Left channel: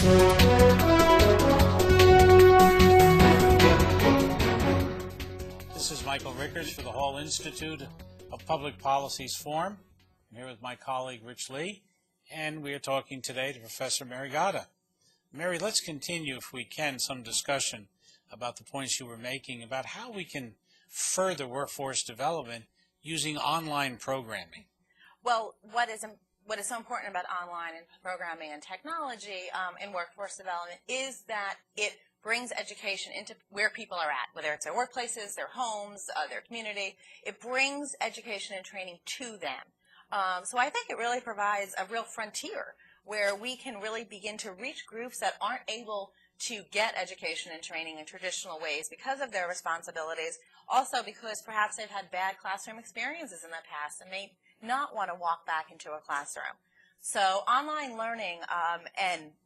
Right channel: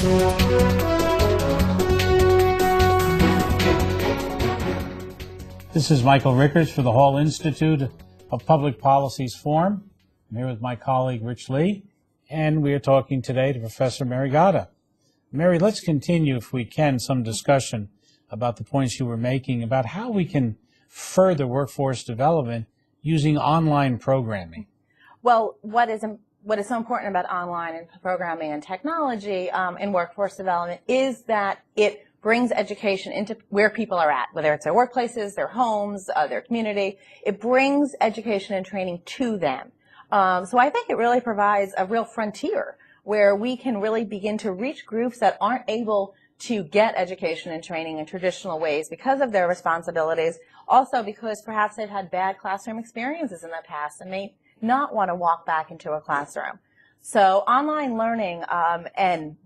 This is Michael Rickards for the Hall Institute of Public Policy's Forum. I'm here with my colleague Rich Lee, and we are talking today to Professor Mary Gatta. Mary, let's continue, if we can, some discussion about the points you were making about how we can further workforce development using online programming. Well, what is so important about online and programming and technology in workforce development is that it brings education into where people are at, whether it's their workplaces, their homes, their community. It brings education and training to them. So I think it really provides a real frontier where we can really begin to reach groups that aren't able to get education and training in traditional ways because of their responsibilities, also because perhaps they've had bad classroom experiences in the past and may not want to walk back into a classroom. So online learning and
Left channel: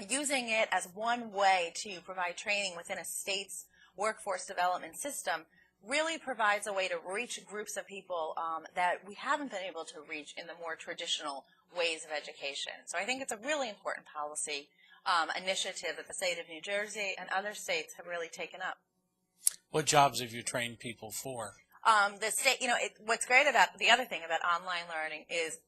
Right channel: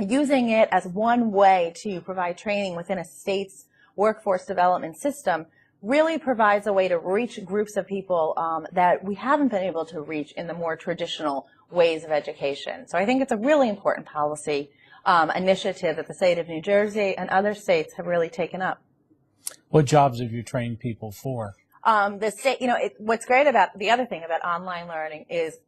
using it as one way to provide training within a state's workforce development system really provides a way to reach groups of people that we haven't been able to reach in the more traditional ways of education. So I think it's a really important policy initiative that the state of New Jersey and other states have really taken up. What jobs have you trained people for? The state, what's great about the other thing about online learning is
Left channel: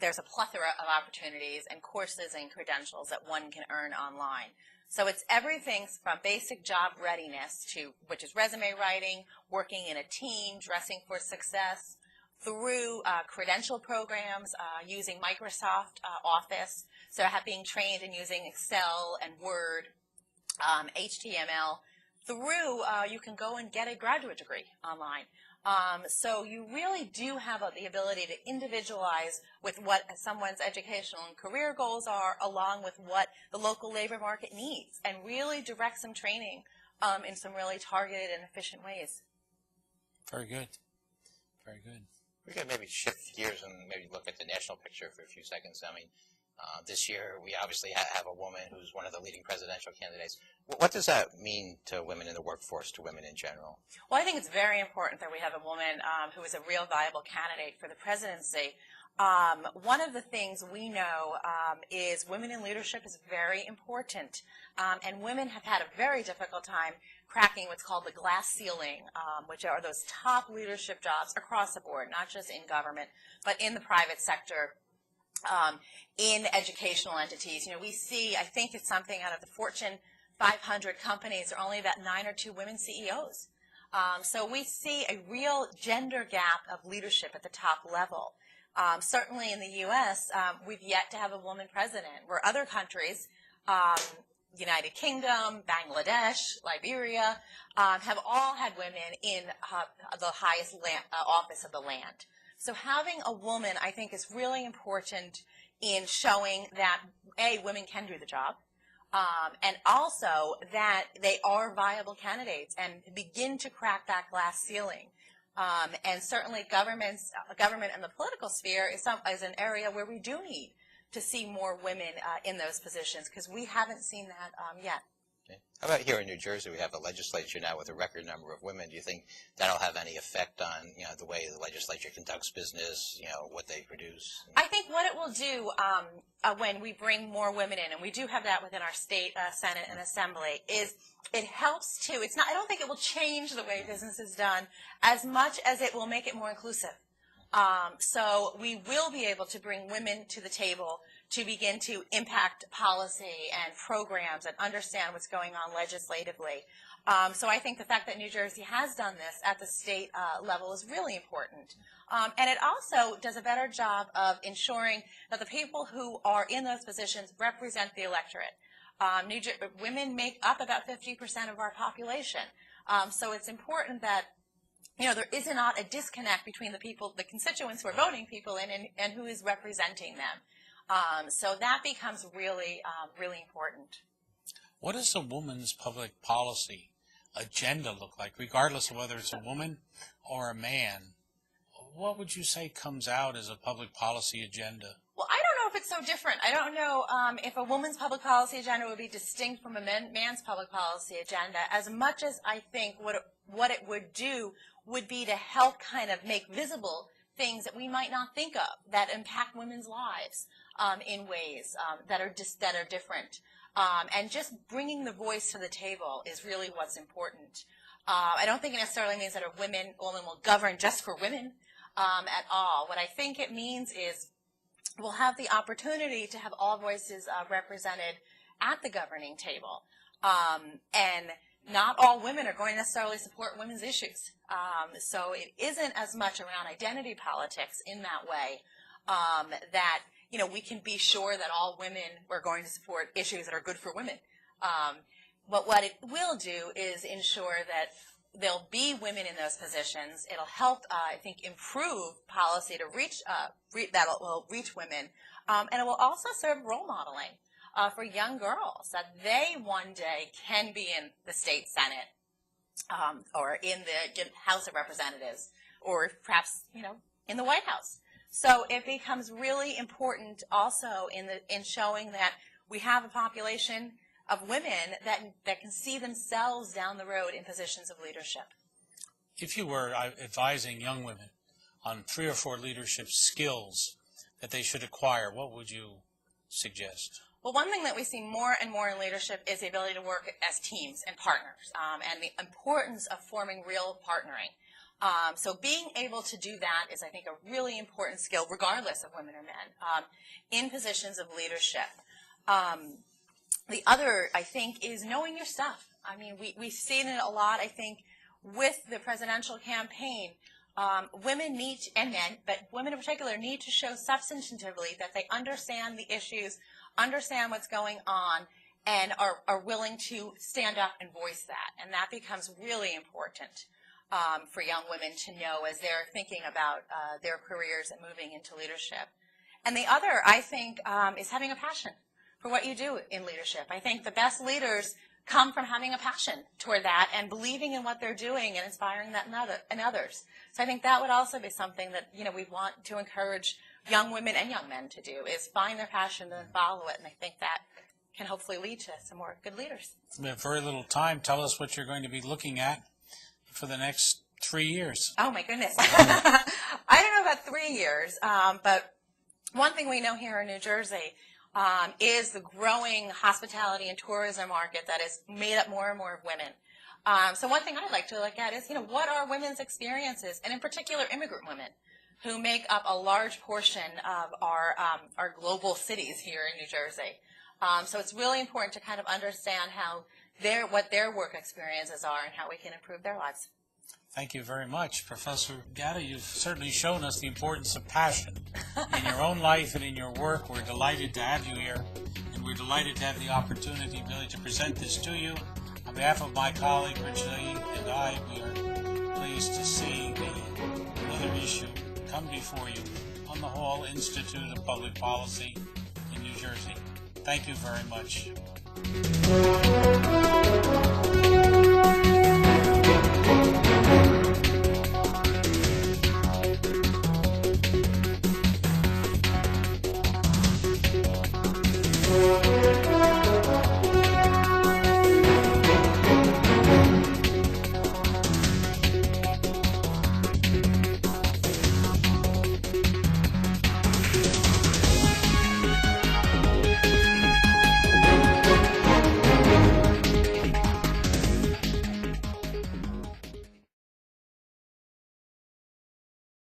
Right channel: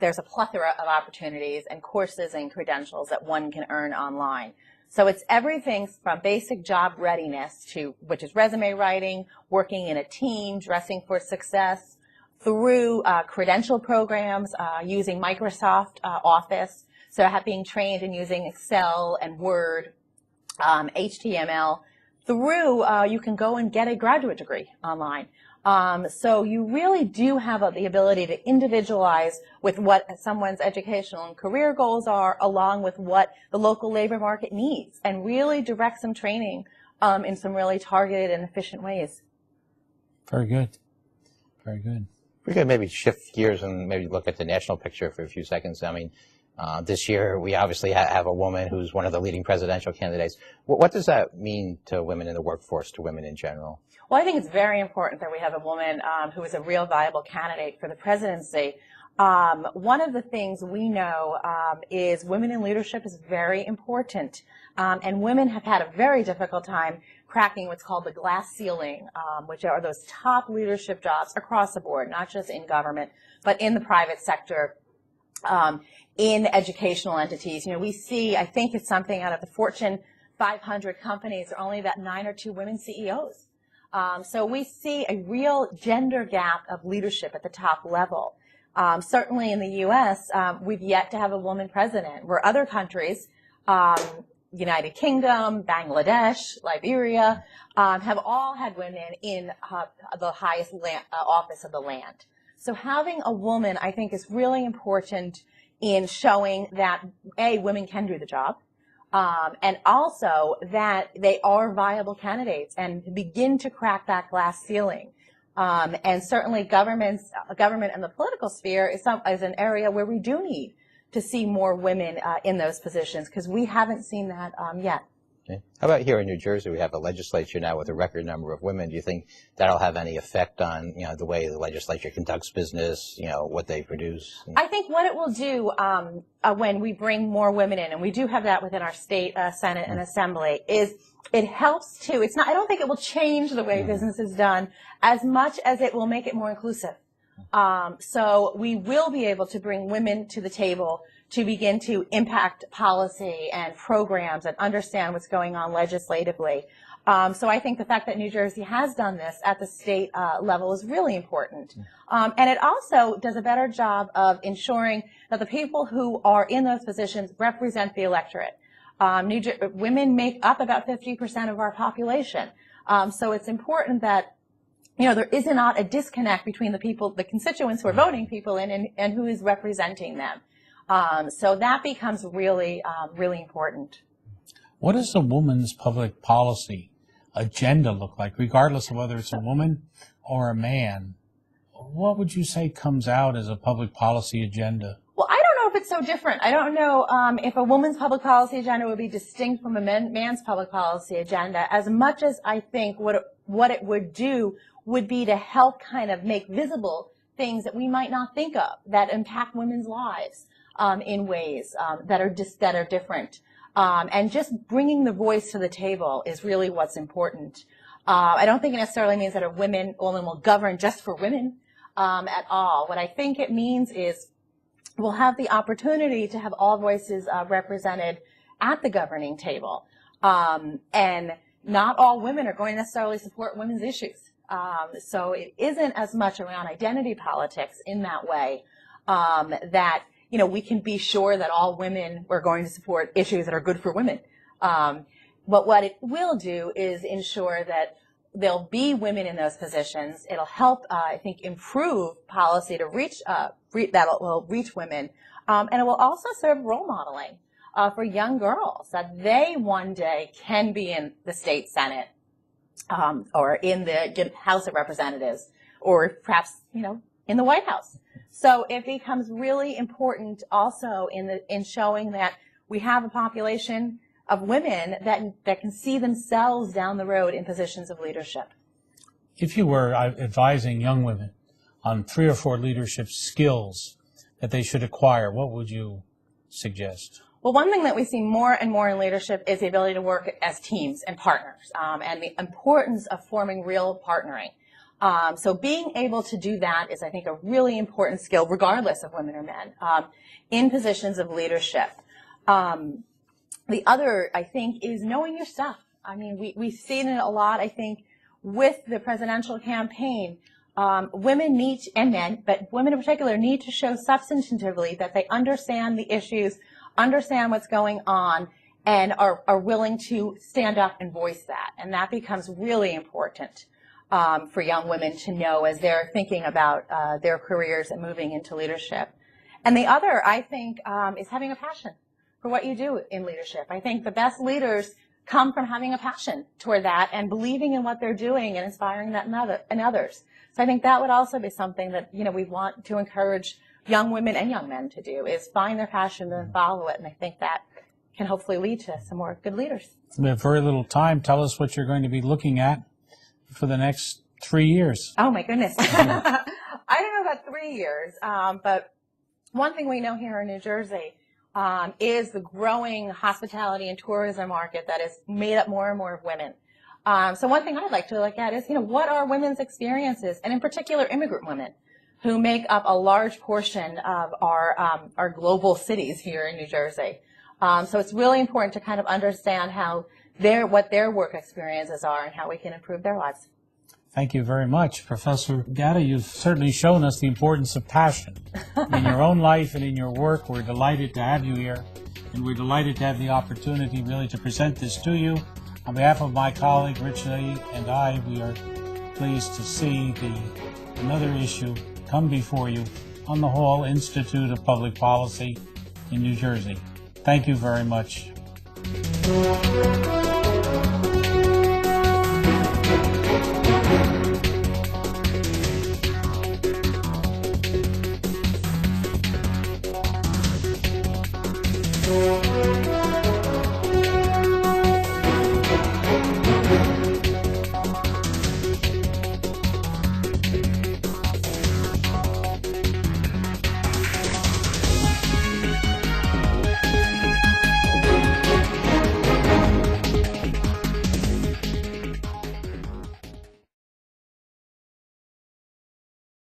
there's a plethora of opportunities and courses and credentials that one can earn online. So it's everything from basic job readiness which is resume writing, working in a team, dressing for success, through credential programs using Microsoft Office, so being trained in using Excel and Word, HTML, through you can go and get a graduate degree online. So you really do have the ability to individualize with what someone's educational and career goals are, along with what the local labor market needs, and really direct some training in some really targeted and efficient ways. Very good. Very good. We're going to maybe shift gears and maybe look at the national picture for a few seconds. I mean, this year we obviously have a woman who's one of the leading presidential candidates. What does that mean to women in the workforce, to women in general? Well, I think it's very important that we have a woman who is a real viable candidate for the presidency. One of the things we know is women in leadership is very important, and women have had a very difficult time cracking what's called the glass ceiling, which are those top leadership jobs across the board, not just in government, but in the private sector, in educational entities. We see, I think it's something out of the Fortune 500 companies, there are only about 9 or 2 women CEOs. So we see a real gender gap of leadership at the top level. Certainly in the U.S., we've yet to have a woman president, where other countries, United Kingdom, Bangladesh, Liberia, have all had women in the highest office of the land. So having a woman, I think, is really important in showing that, A, women can do the job, and also that they are viable candidates and begin to crack that glass ceiling. And certainly government and the political sphere is an area where we do need to see more women in those positions, because we haven't seen that yet. Okay. How about here in New Jersey? We have a legislature now with a record number of women. Do you think that'll have any effect on, the way the legislature conducts business, what they produce? I think what it will do when we bring more women in, and we do have that within our state Senate and Assembly, is it helps to, I don't think it will change the way business is done as much as it will make it more inclusive. So we will be able to bring women to the table to begin to impact policy and programs and understand what's going on legislatively. So I think the fact that New Jersey has done this at the state level is really important. And it also does a better job of ensuring that the people who are in those positions represent the electorate. Women make up about 50% of our population. So it's important that there is not a disconnect between the constituents who are voting people in and who is representing them. So that becomes really, really important. What does a woman's public policy agenda look like, regardless of whether it's a woman or a man? What would you say comes out as a public policy agenda? Well, I don't know if it's so different. I don't know if a woman's public policy agenda would be distinct from a man's public policy agenda, as much as I think what it would do would be to help kind of make visible things that we might not think of that impact women's lives in ways that are different. And just bringing the voice to the table is really what's important. I don't think it necessarily means that a woman will govern just for women at all. What I think it means is we'll have the opportunity to have all voices represented at the governing table. And not all women are going to necessarily support women's issues. So it isn't as much around identity politics in that way that, you know, we can be sure that all women are going to support issues that are good for women. But what it will do is ensure that there'll be women in those positions. It'll help, I think, improve policy to reach that will reach women, and it will also serve role modeling for young girls that they one day can be in the state senate or in the House of Representatives, or perhaps, you know, in the White House. So it becomes really important also in showing that we have a population of women that can see themselves down the road in positions of leadership. If you were advising young women on 3 or 4 leadership skills that they should acquire, what would you suggest? Well, one thing that we see more and more in leadership is the ability to work as teams and partners, and the importance of forming real partnering. So being able to do that is, I think, a really important skill, regardless of women or men, in positions of leadership. The other, I think, is knowing your stuff. I mean, we've seen it a lot, I think, with the presidential campaign. Women need, and men, but women in particular, need to show substantively that they understand the issues, understand what's going on, and are willing to stand up and voice that. And that becomes really important for young women to know as they're thinking about their careers and moving into leadership. And the other, I think, is having a passion for what you do in leadership. I think the best leaders come from having a passion toward that and believing in what they're doing and inspiring that in others. So I think that would also be something that, you know, we want to encourage young women and young men to do, is find their passion and follow it. And I think that can hopefully lead to some more good leaders. We have very little time. Tell us what you're going to be looking at for the next 3 years. Oh, my goodness. I don't know about 3 years, but one thing we know here in New Jersey is the growing hospitality and tourism market that is made up more and more of women. So one thing I'd like to look at is, you know, what are women's experiences, and in particular immigrant women, who make up a large portion of our global cities here in New Jersey. So it's really important to kind of understand how what their work experiences are and how we can improve their lives. Thank you very much. Professor Gatta, you've certainly shown us the importance of passion in your own life and in your work. We're delighted to have you here, and we're delighted to have the opportunity really to present this to you. On behalf of my colleague, Rich Lee, and I, we are pleased to see another issue come before you on the Hall Institute of Public Policy in New Jersey. Thank you very much. Thank you.